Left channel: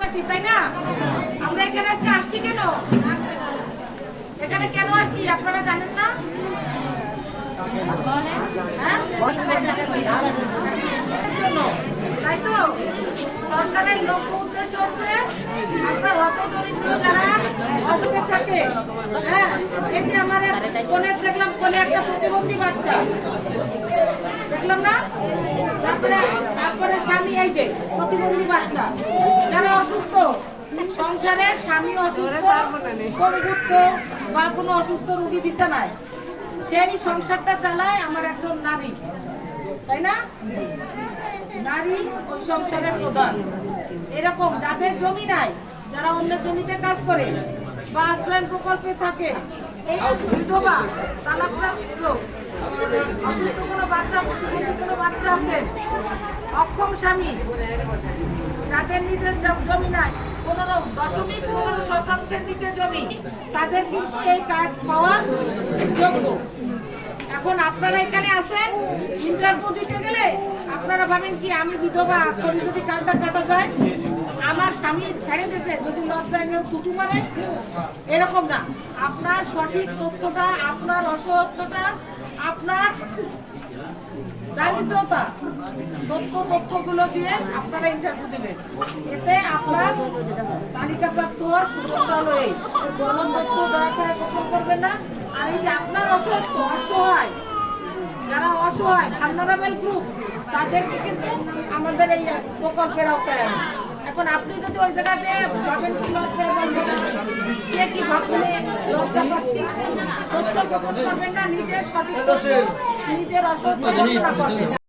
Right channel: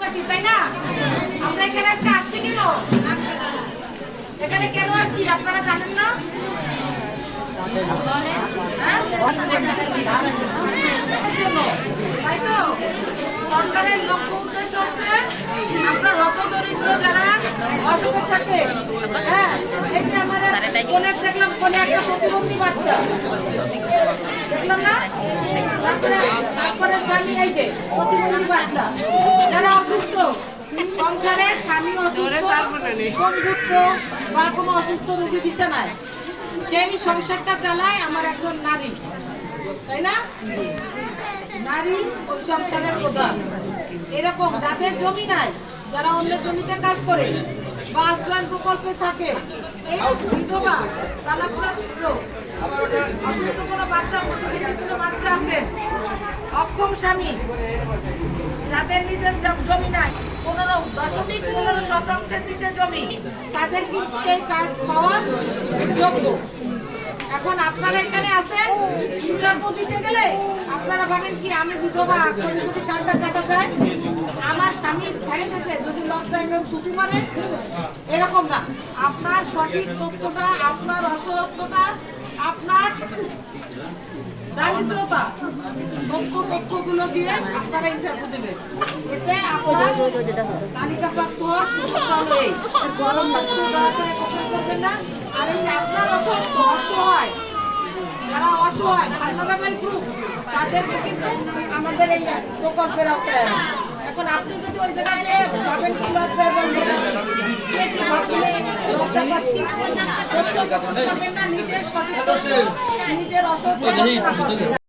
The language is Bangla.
তাই না? আমরা এখানে আজকে আসছি কেন? এখানে কেন আসছি আপনারা জানেন না? তাই তো সরকারের লক্ষ্য উদ্দেশ্য হচ্ছে আপনার হতদরিদ্র যারা অসুখ থাকে। হ্যাঁ, এই যে আমার কোনে দেখলাম, কোনে একটা প্রতিবন্ধী বাচ্চা দেখলাম না, তারপরে স্বামী এই যে প্রতিবন্ধী বাচ্চা যারা অসুস্থ, সংসারে স্বামী অসুস্থ, সংযুক্ত বা কোনো অসুস্থ রোগী বিছানায়, সেই সংসারটা চালায় আমার একজন নারী, তাই না? নারী ওই সংসারের প্রধান। এরকম যাদের জমি নাই, যারা অন্যের জমিতে কাজ করে বা আশ্রয় প্রকল্পে থাকে, এই বিধবা, তালাকপ্রাপ্ত, অসুস্থ কোনো বাচ্চা, প্রতিবন্ধী কোনো বাচ্চা আছে, অক্ষম স্বামী, যাদের নিজের জমি নাই, 15% নিচে জমি, তাদের কিন্তু এই কার্ড পাওয়ার যোগ্য। এখন আপনারা এখানে আছেন, ইন্টারভিউ দিতে গেলে আপনারা ভাবেন কি আমি বিধবা করে যদি কার্ডটা কাটা যায়, আমার স্বামী ছেড়ে দিয়েছে যদি লজ্জায় কেউ ছুটি মারে, এরকম না। আপনার সঠিক তথ্যটা, আপনার অসত্যটা, আপনার দারিদ্রতা, তথ্যগুলো দিয়ে আপনারা ইন্টারভিউ দেবেন। এতে আপনার তালিকাপ্রাপ্ত হওয়ার সুযোগটা হলো এই গলন তথ্য দয়া করে গোপন করবেন না। আর এই যে আপনার অসত্য, অসহায়, যারা অসহায় ভালনারেবল গ্রুপ, তাদেরকে কিন্তু আমাদের এই প্রকল্পের আওতায় আনে। এখন আপনি যদি ওই জায়গাতে ভাবেন কি লজ্জায় বলবেন, কে কি ভাবলে লজ্জা পাচ্ছি, তথ্য করবেন না, নিজের সঠিক তথ্য, নিজের অসত্য ঘোষণা করবেন।